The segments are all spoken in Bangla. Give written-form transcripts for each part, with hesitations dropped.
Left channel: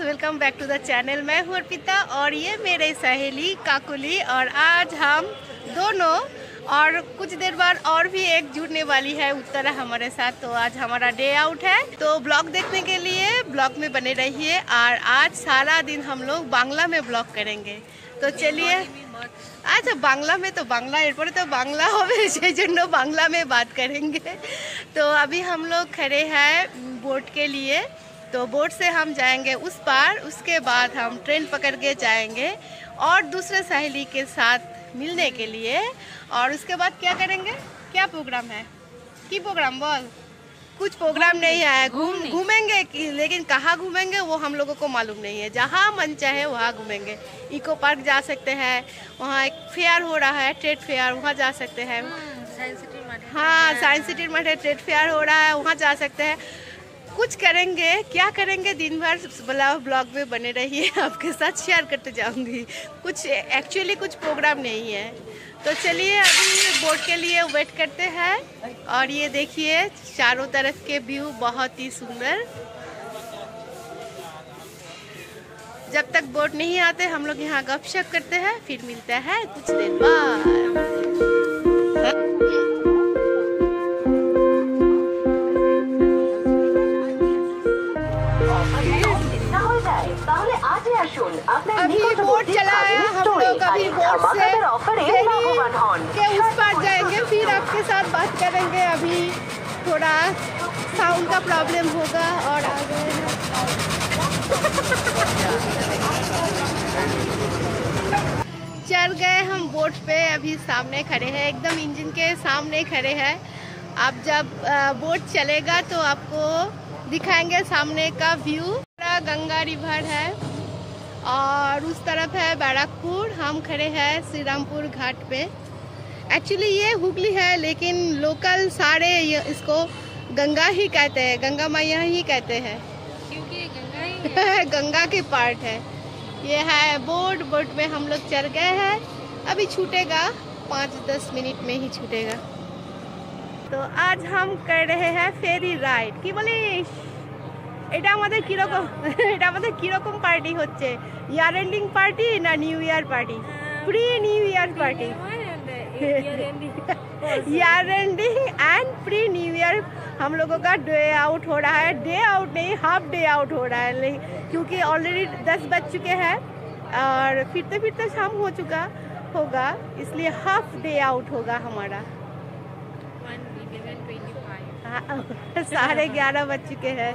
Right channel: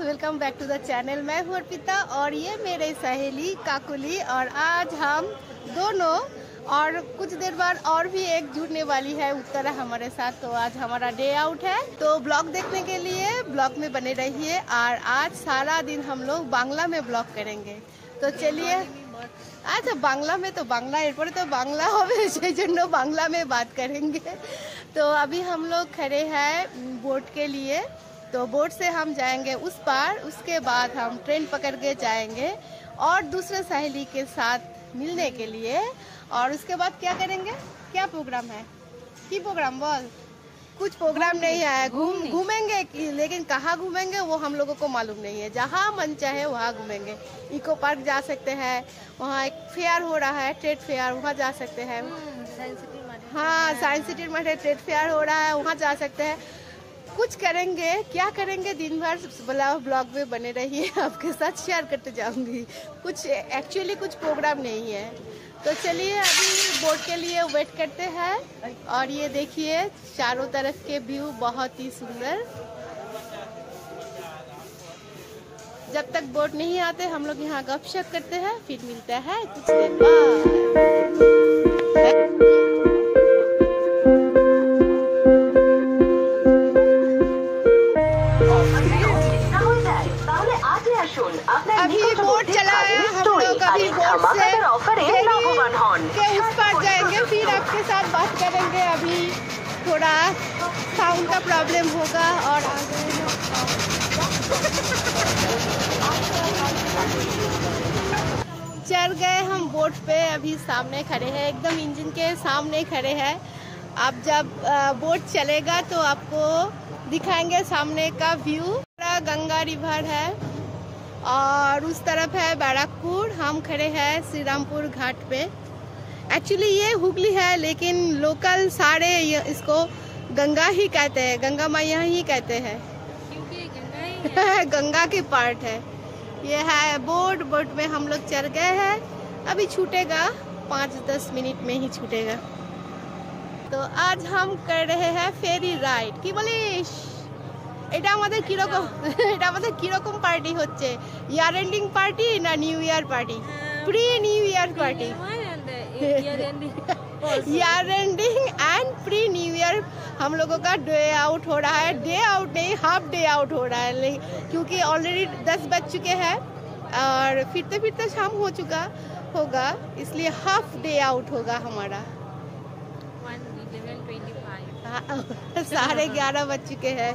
Welcome back to the channel. मैं हूँ अर्पिता और ये मेरे सहेली काकुली, और आज हम दोनों और कुछ देर बाद और भी एक जुड़ने वाली है उत्तरा हमारे साथ। तो आज हमारा डे आउट है, तो ब्लॉग देखने के लिए ब्लॉग में बने रहिए। और आज सारा दिन हम लोग बांग्ला में ब्लॉग करेंगे। तो चलिए, अच्छा बांग्ला में तो बांग्ला एयरपोर्ट तो बांग्ला होवे সেই জন্য बांग्ला में बात करेंगे। तो अभी हम लोग खड़े हैं बोट के लिए, तो बोट से हम जाएंगे उस पार, उसके बाद हम ट्रेन पकड़ के जाएंगे और दूसरे सहेली के साथ मिलने के लिए। और उसके बाद क्या करेंगे, क्या प्रोग्राम है, की प्रोग्राम बोल? कुछ प्रोग्राम नहीं है, घूमेंगे लेकिन कहाँ घूमेंगे वो हम लोगों को मालूम नहीं है। जहाँ मन चाहे वहाँ घूमेंगे। इको पार्क जा सकते हैं, वहाँ एक फेयर हो रहा है, ट्रेड फेयर, वहाँ जा सकते हैं। हाँ, साइंस सिटी में ट्रेड फेयर हो रहा है, वहाँ जा सकते हैं। कुछ करेंगे, क्या करेंगे दिन भर ब्लॉग में बने रहिए, आपके साथ शेयर करते जाऊंगी। कुछ एक्चुअली कुछ प्रोग्राम नहीं है। तो चलिए अभी बोट के लिए वेट करते हैं। और ये देखिए चारों तरफ के व्यू बहुत ही सुंदर। जब तक बोट नहीं आते हम लोग यहाँ गपशप करते हैं, फिर मिलते हैं कुछ देर बाद। अभी बोट चलाया हम लोग, अभी बोट से फेरी के उस पार जाएंगे, फिर आपके साथ बात करेंगे। अभी थोड़ा साउंड का प्रॉब्लम होगा और आ गए हैं। चढ़ गए हम बोट पे, अभी सामने खड़े हैं, एकदम इंजन के सामने खड़े हैं। अब जब बोट चलेगा तो आपको दिखाएंगे सामने का व्यू। गंगा रिवर है और उस तरफ है बैरकपुर। हम खड़े हैं श्री रामपुर घाट पे। एक्चुअली ये हुगली है, लेकिन लोकल सारे इसको गंगा ही कहते हैं, गंगा मैया ही कहते हैं, क्योंकि गंगा ही है। गंगा की पार्ट है। ये है बोट, बोट में हम लोग चढ़ गए हैं। अभी छूटेगा, 5-10 मिनट में ही छूटेगा। तो आज हम कर रहे हैं फेरी राइड। की बोलिस? এটা আমাদের কিরকম পার্টি হচ্ছে? ইয়ার এন্ডিং পার্টি না new year party? Pre new year party, year ending and pre new year हम लोगों का डे आउट हो रहा है। डे आउट नहीं, हाफ डे आउट हो रहा है, क्योंकि ऑलरेडी 10 बज चुके हैं और फिरते फिरते शाम हो चुका होगा, इसलिए हाफ डे आउट होगा हमारा। 11:30 बज चुके हैं।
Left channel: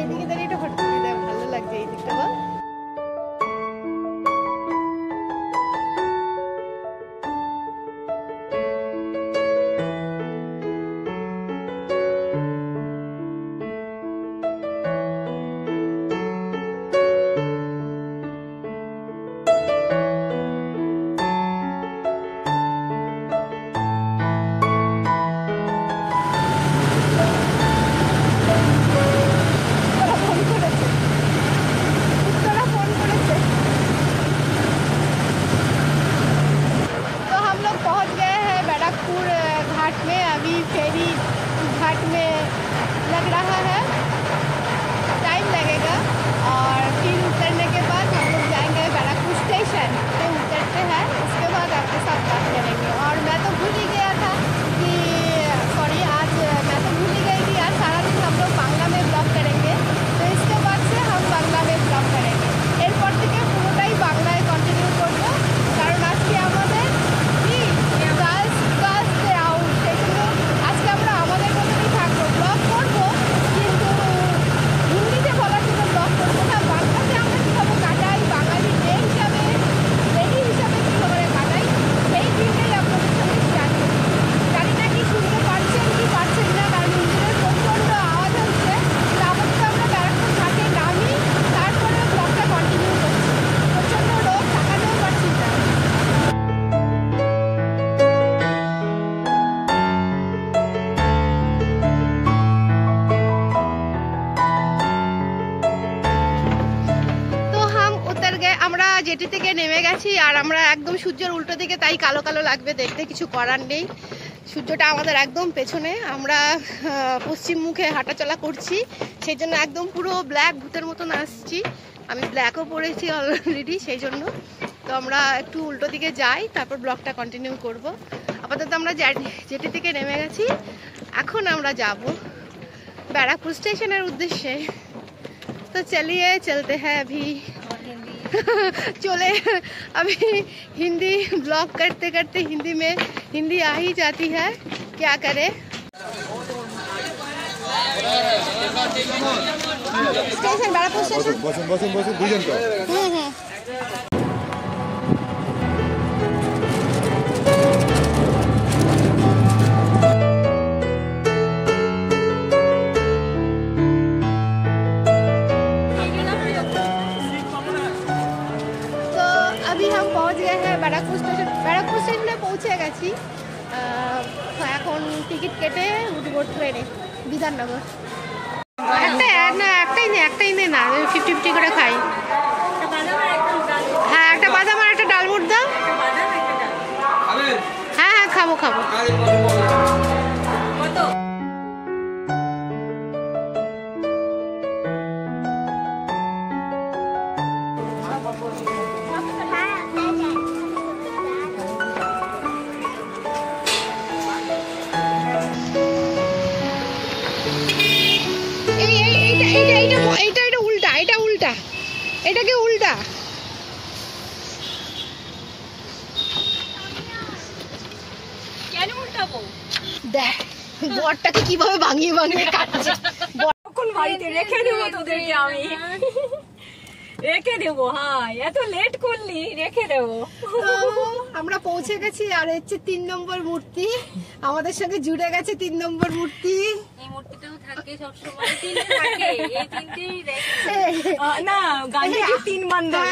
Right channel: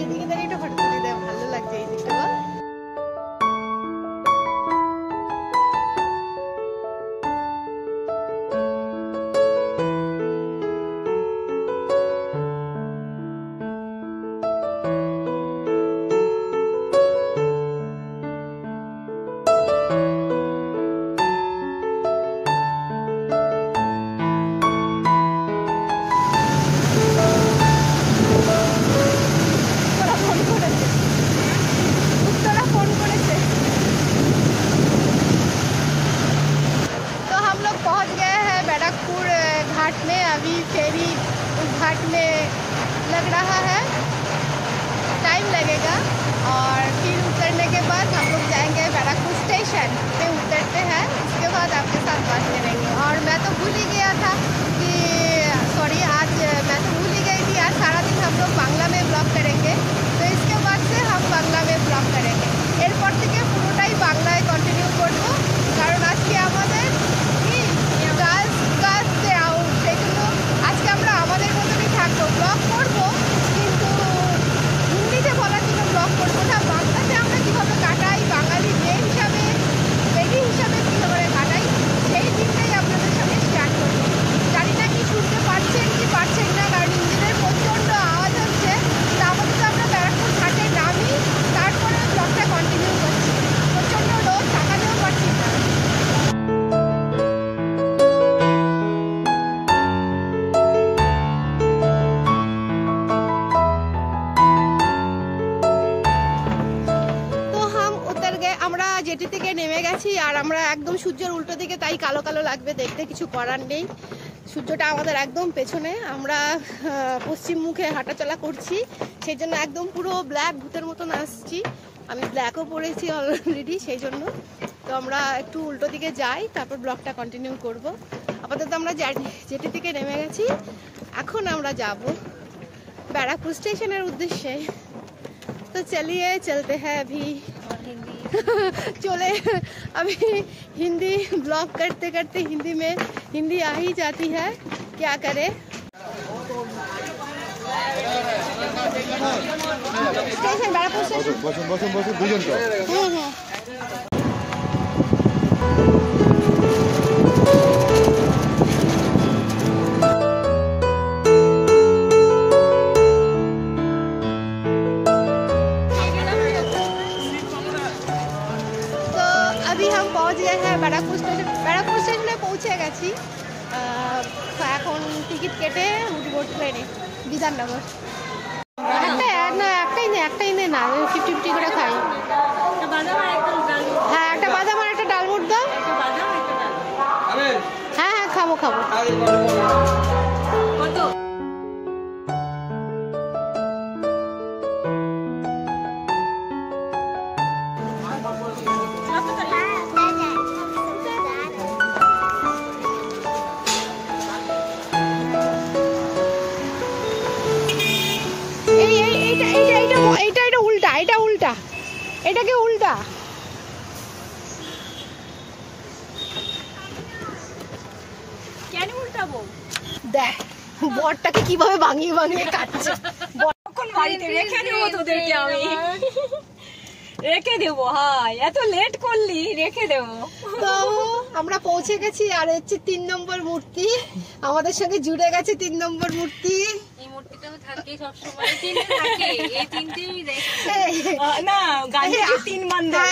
এদিকে দাঁড়িয়ে একটা ফটো তুলে দেয়, ভালো লাগছে এই দিকটা। बैरकपुर घाट में, अभी फेरी उस घाट में लग रहा है, टाइम लगेगा। और फिर उतरने के बाद हम लोग जाएंगे बैरकपुर स्टेशन पे, उतरते हैं, उसके बाद आपके साथ बात करेंगे। और मैं तो भूल ही गया था कि आज मैं तो भूल ही गई थी आज सारा दिन हम लोग बांग्ला में ब्लॉग करेंगे। तो इसके बाद से हम बांग्ला में ब्लॉग करेंगे। एरपर থেকে পুরোটাই বাংলায় কন্টিনিউ করব, কারণ আজকে আমাদের আজকে আমরা আমাদের মতনই থাকবো, ব্লগ করবো কিন্তু হিন্দিতে বলার জন্য ব্লগ করবো না, বাংলাতে আমরা কীভাবে কাটাই, বাঙালি ডে হিসাবে, লেডি হিসাবে কীভাবে কাটাই, সেই দিনটাই আপনাদের সঙ্গে শেয়ার করবো। জানি না কি শুনতে পারছেন কি পারছেন না, কারণ ইঞ্জিনের প্রচণ্ড আওয়াজ হচ্ছে। তা আমাদের আমরা ব্যারাকপুর ঘাটে নামি, তারপরে ব্লগটা কন্টিনিউ করছি। প্রচণ্ড রোদ, থাকাতেও পারছি না। জেটি থেকে নেমে গেছি আর আমরা একদম সূর্যের উল্টো দিকে, তাই কালো কালো লাগবে দেখতে, কিছু করার নেই। সূর্যটা আমাদের একদম পেছনে, আমরা পশ্চিম মুখে হাঁটাচলা করছি, সেই জন্য একদম পুরো ব্ল্যাক ভূতের মতন আসছি। আমি ব্ল্যাকও পরেছি অলরেডি, সেই জন্য। তো আমরা একটু উল্টো দিকে যাই, তারপর ব্লগটা কন্টিনিউ করব। আপাতত আমরা জেটি থেকে নেমে গেছি, এখন আমরা যাব बैराकपुर स्टेशনের उद्देश्य। तो चलिए चलते हैं अभी। चले अभी हिंदी ब्लॉग करते करते हिंदी आ ही जाती है, क्या करे। स्टेशन बैराकपुर स्टेशन बसुन दुजन तो अभी हम पहुंच गए हैं बैराकपुर स्टेशन। बैराकपुर स्टेशन में पहुंचे গেছি। এখন টিকিট কেটে উঠবো ট্রেনে বিধাননগর। একটাই নে না, 50-50 করে খাই। হ্যাঁ, একটা বাদাম আর একটা ডালমুট দাও। হ্যাঁ হ্যাঁ, খাবো। এটাকে উল্টা কেন উল্টাবো? দেখ বড়টাকে কিভাবে ভাঙিয়ে কাটছে। বাড়িতে রেখে দেবো তোদেরকে, আমি রেখে দেবো। হ্যাঁ, এত লেট করলি, রেখে দেবো। তো আমরা পৌঁছে গেছি, আর হচ্ছে 3 নম্বর মূর্তি আমাদের সঙ্গে জুড়ে গেছে। 3 নম্বর মূর্তি, এই মূর্তিটাও থাকে সবসময়, তিনটে থাকে, এই তিনটেই না গান্ধীজি 3 বান্ধব।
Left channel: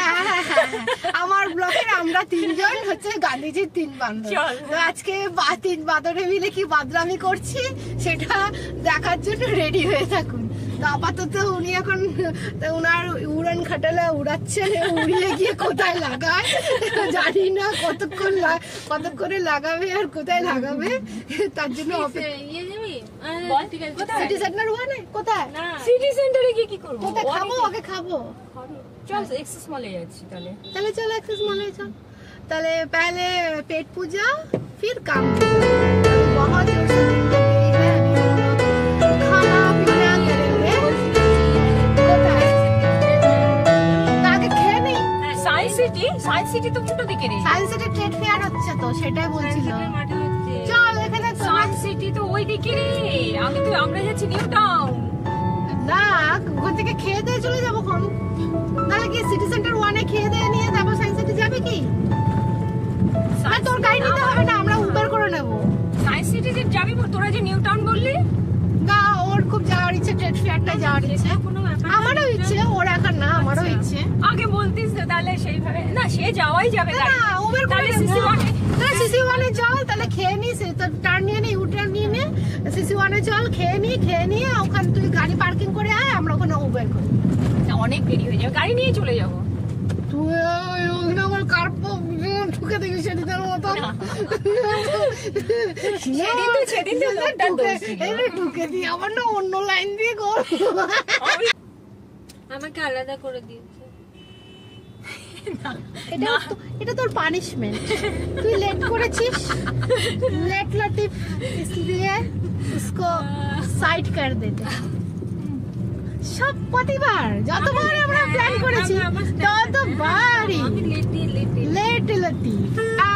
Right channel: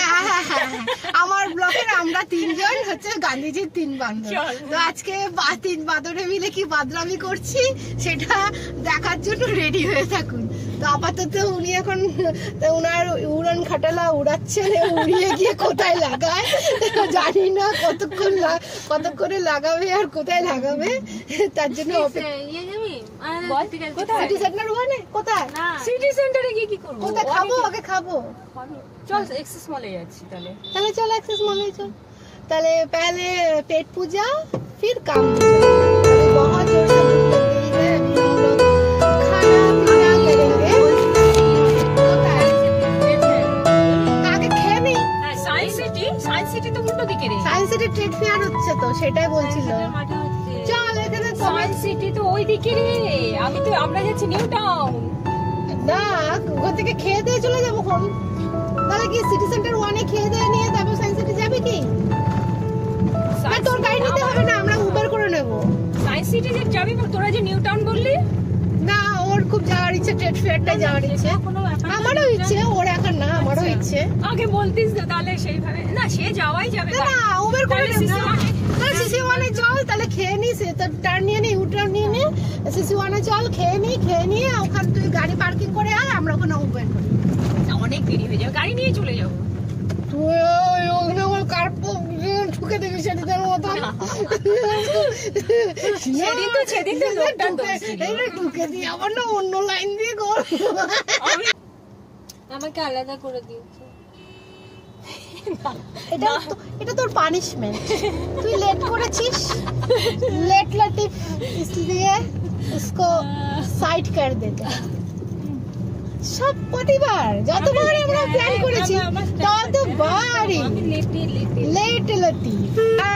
আমার ব্লকের আমরা 3 জন হচ্ছে গান্ধীজির 3 বান্ধব। তো আজকে 3 বাঁদরে মিলে কি বাদরামি করছি সেটা দেখার জন্য রেডি হয়ে থাকুন। তো আপাতত উনি এখন ওনার উড়ান খাটালা উড়াচ্ছেন, উড়িয়ে গিয়ে কোথায় লাগায় জানি না, কতক্ষণে লাগাবে আর কোথায় লাগাবে, তার জন্য সিটি সেন্টার ওখানে কোথায়, সিটি সেন্টারে গিয়ে কি করবো, কোথায় খাবো, আগে খাবো। চল এক্সেস মলে যাচ্ছি, তাহলে चलो एक्सेस मॉल चल। তাহলে पहले पेट पूजा फिर काम दूजा। अभी बहुत जोर से भूख लग गई है, अभी हम लोग खाना पीना करेंगे। তাকে খেয়ে নেই। সায়েন্স সিটি তো উল্টো দিকে রে, সায়েন্স সিটি ট্রেড ফেয়ার হচ্ছে, তো সেটাই বলছিল। চল এখানে তো সায়েন্স সিটি তো ওই দিকে রে, আমরা যাচ্ছি নিউ টাউন। না, ওখান থেকে খেয়ে দিয়ে চলে যাবো। তাহলে কি সিটি সেন্টার 1-এ খেয়ে দিয়ে নিয়ে তারপর সায়েন্স সিটি যাবে কি? না, তোর গাড়ি নিতে হবে না, আমরা উবের করে নেব। সায়েন্স সিটি যে যাবি, তোরা যে নিউ টাউন বললি। না, ওর খুব যাওয়ার ইচ্ছে, ট্রেড ফেয়ারটাই যাওয়ার ইচ্ছে। আমারও ইচ্ছে, ওর এখন না, আমারও ইচ্ছে। আগে বলতিস তো, তাহলে সেইভাবে না, সে যাওয়াই যাবে না, উবের করে নেব। তোরা সিসি 1-এ চল, তাহলে খেয়ে নিস, তো টার্ন নিয়ে নি, ইউটার্ন নিয়ে নে, সিসি 1-এ চল, খেয়ে নিয়ে ওখান তুই গাড়ি পার্কিং করে আয়, আমরা ওখানে উবের করি। অনেক দেরি হয়ে যাবে, গাড়ি নিয়ে চলে যাবো। তুই ওখানে আমার কার্পো ঠুকে দেখি সেদিনের মতন। সেদিন তো লোকটার দোষ ছিল। ঠুকে দিয়ে আবার না অন্য লাইন দিয়ে কর, আমাকে আলাদা করে দিয়েছে। এটা তোর পানিশমেন্ট, তুই লেট করেছিস, लेट लतीफ, इसलिए उसको साइड कर देते। সব প্রতিবার যতবার আমরা প্ল্যান করেছি ততবারই লেট লতিফ।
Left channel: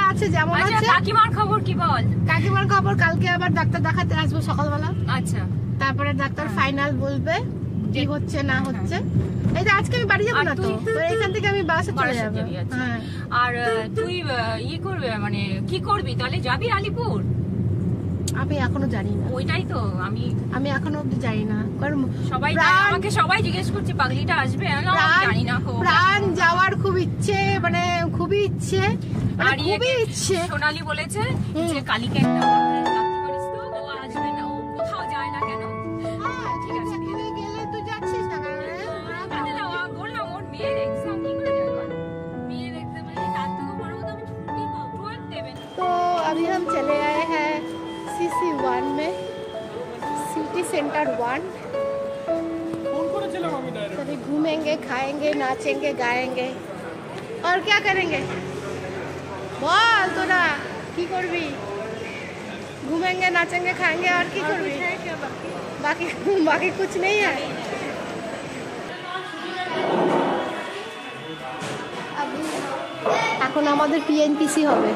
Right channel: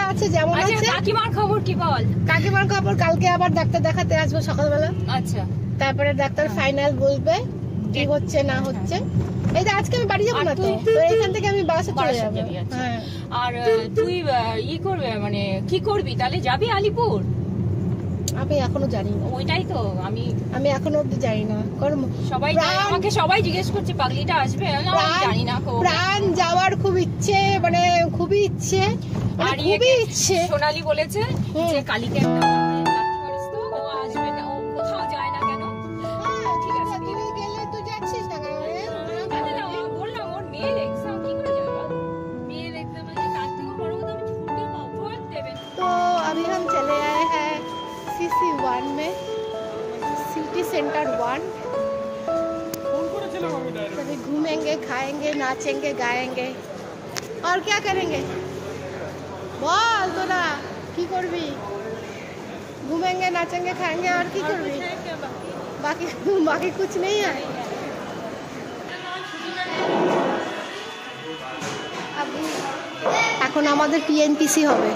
আচ্ছা, যেমন আছে। কাকিমার খবর কি বল? কাকিমার খবর, কালকে আবার ডাক্তার দেখাতে আসবো সকালবেলা। আচ্ছা, তারপরে ডাক্তার ফাইনাল বলবে কি হচ্ছে না হচ্ছে। এই যে আজকে আমি বাড়ি যাবো না, তো এখান থেকে আমি বাসে চলে যাবো। আর তুই করবে মানে কি করবি তাহলে? যাবি আলিপুর? আমি এখনো জানি না। ওইটাই তো আমি এখনো অব্দি জানি না, কারণ আমাকে সবাই জিজ্ঞেস করছে পাগলিটা আসবে, জানি না। প্রাণ যাওয়ার খুব ইচ্ছে, মানে খুবই ইচ্ছে, আর খুবই ইচ্ছে। সোনালি বলেছে যে কালকে একটা পারিস তো, ও আসবে না, ও কোথাও যায় না কেন। ঠিক আছে, তুই গেলে তুই যাচ্ছিস না? বললাম ওর মেয়ের এক্সাম, কি করে যাবে? মেয়ের 1 में, सिटी सेंटर 1। तभी घूमेंगे, खाएंगे, नाचेंगे, गाएंगे और क्या करेंगे बोल तोरा की करबी? घूमेंगे, नाचेंगे, खाएंगे और की करबी? बाकी कुछ नहीं है। এখন আমাদের টিএনপিসি হবে,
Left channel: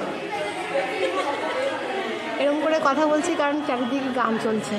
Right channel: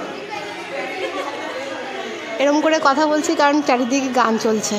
এরকম করে কথা বলছি কারণ চারিদিকে গান চলছে।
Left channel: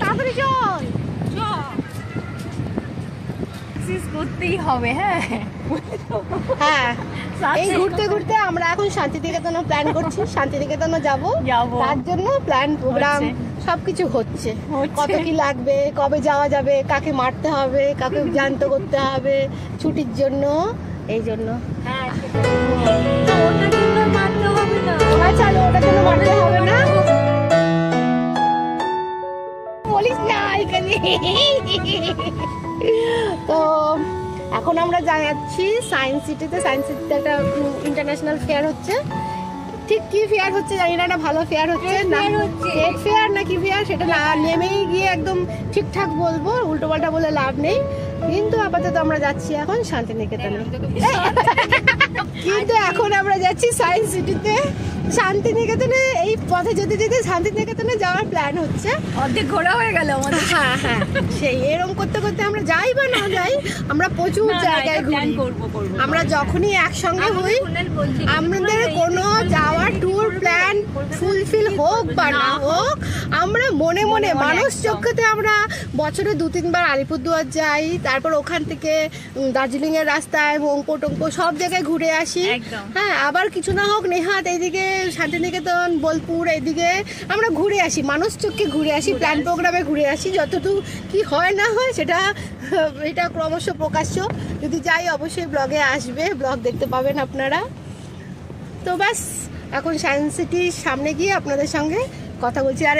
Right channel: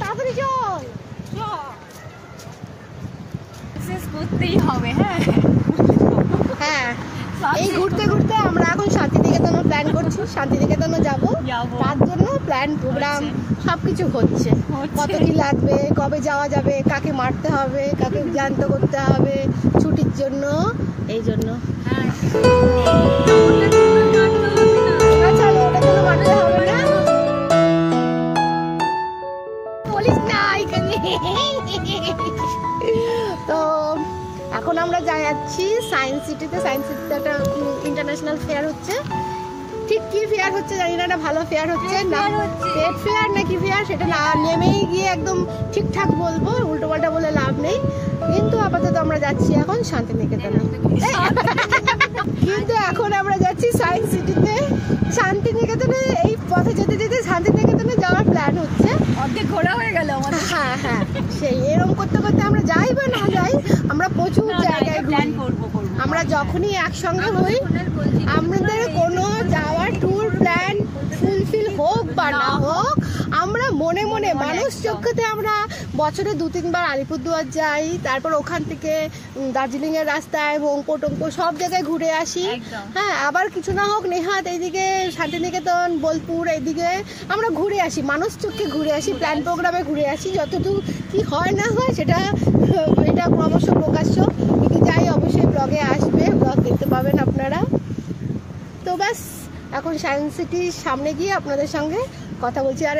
তাড়াতাড়ি চল, করতেই হবে। হ্যাঁ, এই ঘুরতে ঘুরতে আমরা এখন শান্তিনিকেতনে প্ল্যান করছি, শান্তিনিকেতনে যাবো। তার জন্য প্ল্যান প্রোগ্রাম সবকিছু হচ্ছে। কত কি লাগবে, কবে যাওয়া যাবে, কাকে মারতে হবে, কাকে জ্যান্ত করতে হবে ছুটির জন্য, এই জন্য। ওটার জন্য মারতে হবে না, চলো ওটার জন্য মারতে হবে না, বলিস না এখানে। তো এখন আমরা যাচ্ছি সায়েন্স সিটিতে। সায়েন্স সিটিতে একটা ইন্টারন্যাশনাল ফেয়ার হচ্ছে। ঠিক কি ফেয়ার হচ্ছে জানি না, একটা ভালো ফেয়ার হচ্ছে না, ট্রেড ফেয়ার না কি ফেয়ার সেটা না নেমেই গিয়ে একদম ঠিকঠাক বলবো, উল্টো পাল্টা বলে লাভ নেই। কিন্তু আপাতত আমরা যাচ্ছি এখন শান্তিনিকেতনে। কিন্তু এখন আমরা যাচ্ছি সায়েন্স সিটিতে। শান্তিনিকেতনে এই পথে যেতে যেতে শান্তিনিকেতনে যাওয়ার প্ল্যান হচ্ছে। অর্ধেক ঘোরা হয়ে গেল আমাদের। হ্যাঁ, সেই এরকম করতে করতে আমরা যাই বা না যাই, আমরা প্রচুর জায়গায় প্ল্যান ঘুরি। করব। আমরা যখনই একসঙ্গে হই, আমাদের কোনো যাওয়ার ট্যুর প্ল্যান ফুলফিল হোক বা না হোক, আমরা মনে মনে মানুষ চক্ষুতে আমরা বছরে 2-3 বার আলিপুরদুয়ার যাই, তারপর ওখান থেকে দার্জিলিং এর রাস্তায় মংপো টংপো সব জায়গায় ঘুরে আসি। হ্যাঁ, আবার কিছু না হোক নেহাত এইদিকে শান্তিনিকেতন, বোলপুর এইদিকে আমরা ঘুরে আসি, মানুষ চক্ষে ঘুরে আসি, প্ল্যান প্রোগ্রামে ঘুরে আসি। যতটুকু কি হয় না হয় সেটা এটা ক্রমশ প্রকাশ্য। যদি যাই অবশ্যই ব্লগে আসবে, ব্লগ দেখতে পাবেন আপনারা। তো ব্যাস এখন সায়েন্স সিটির সামনে গিয়ে আপনাদের সঙ্গে কথা বলছি। আর